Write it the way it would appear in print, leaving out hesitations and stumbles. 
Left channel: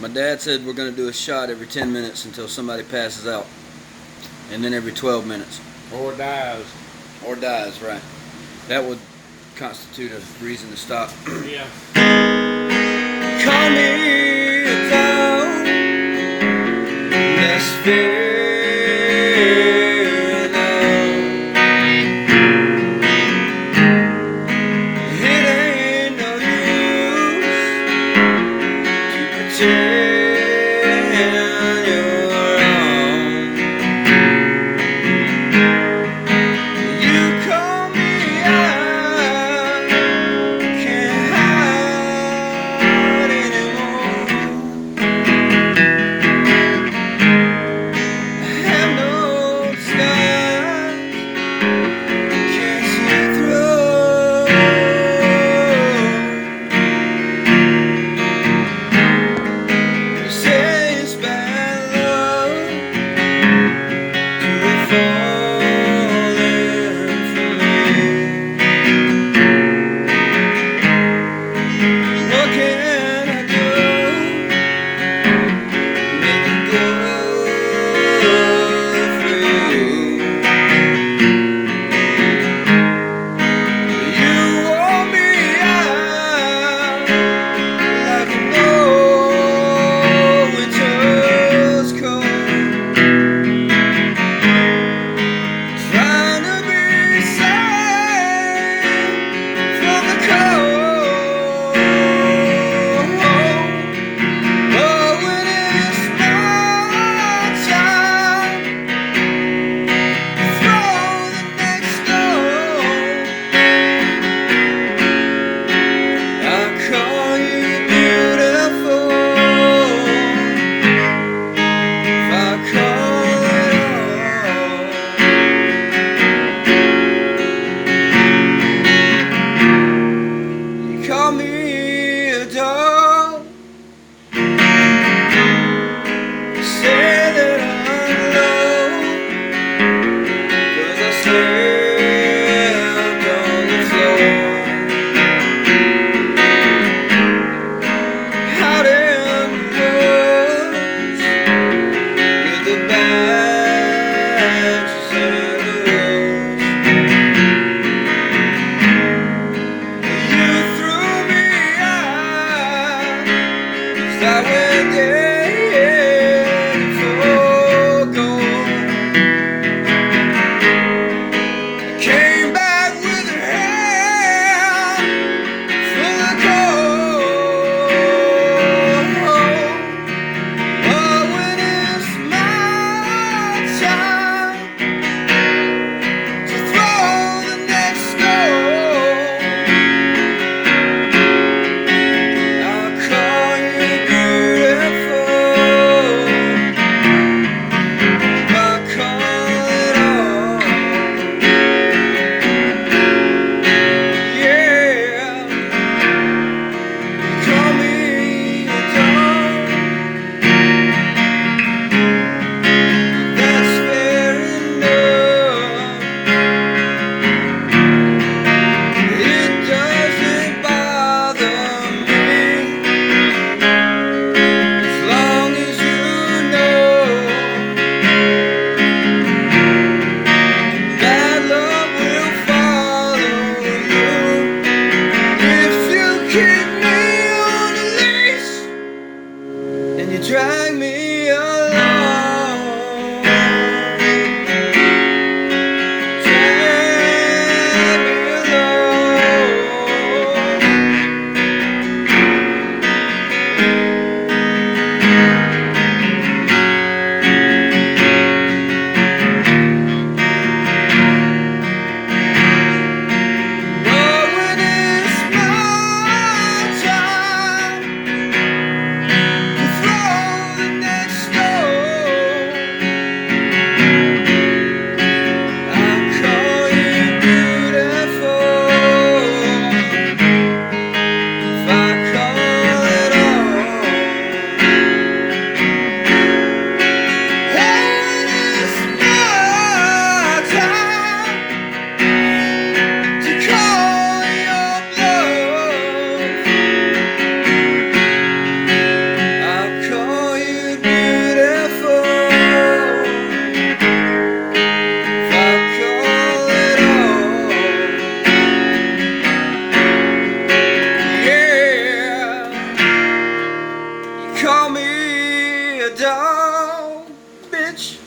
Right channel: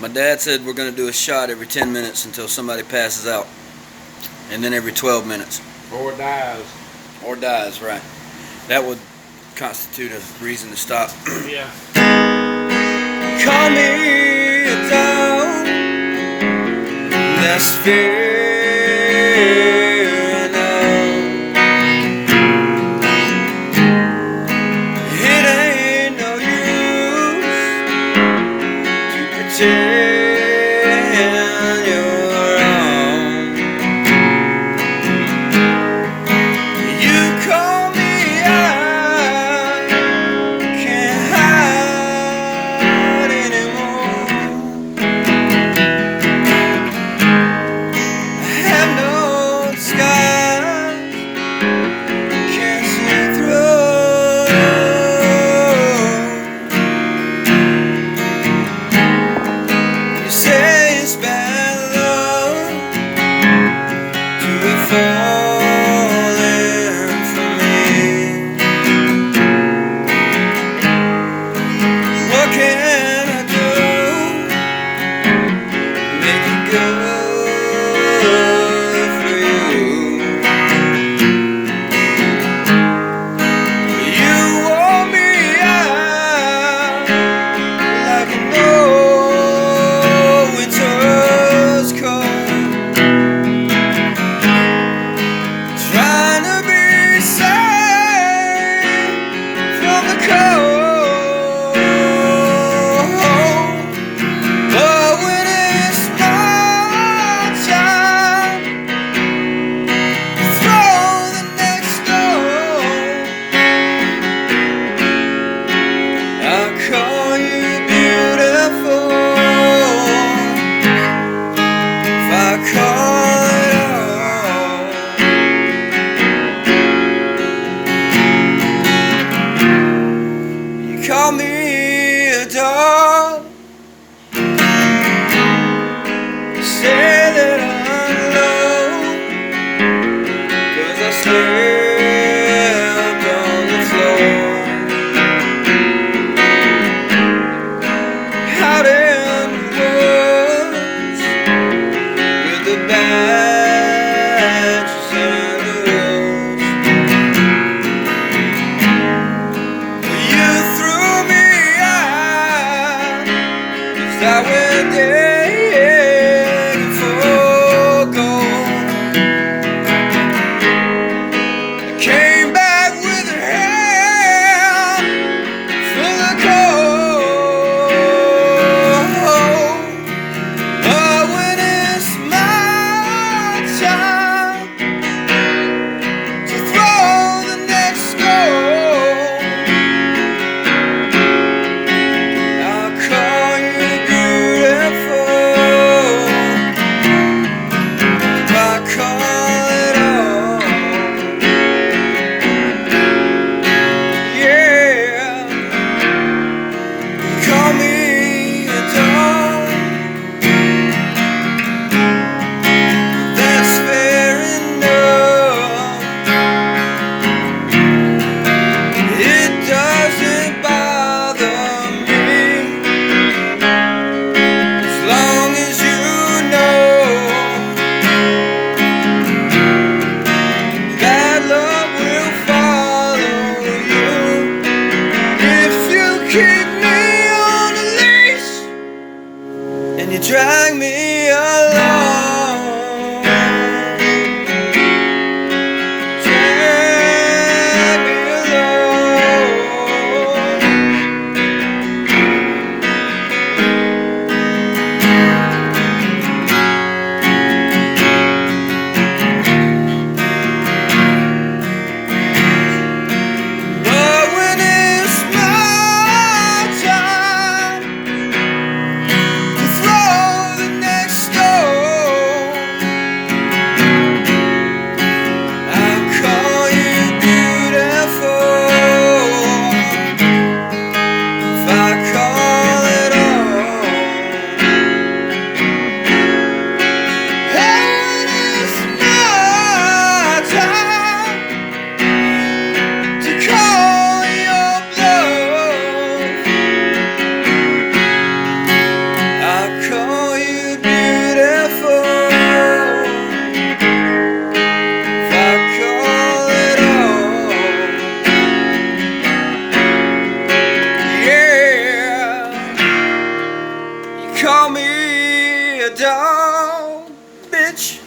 My dad said we're going to do a shot every 10 minutes until somebody passes out. And then every 12 minutes. Or dies. Or dies, right. That would constitute a reason to stop. Yeah. Call me a dog. That's fair enough. It ain't no use to pretend you're wrong. You call me out, can't hide anymore. I have no disguise, can't see through. You say it's bad love to be falling for me. What can I do? Make it good for you. You wore me out like you know winter's cold. Trying to be safe from the cold. But when it's night time, throw the next stone. I'll call you beautiful if I call it all. You call me a dog. Say that I'm low, 'cause I slept on the floor. Out in the woods with the badgers and the wolves. Well, you threw me out 'cause I went digging for gold. I came back with a hand full of cold. But when it's my time to throw the next stone, I'll call you beautiful if I call it all. Yeah, call me a dog. That's fair enough. It doesn't bother me as long as you know bad luck will follow you if you keep me on a leash and you drag me along. Drag me along. But when it's my time to throw the next call me a dog, bitch.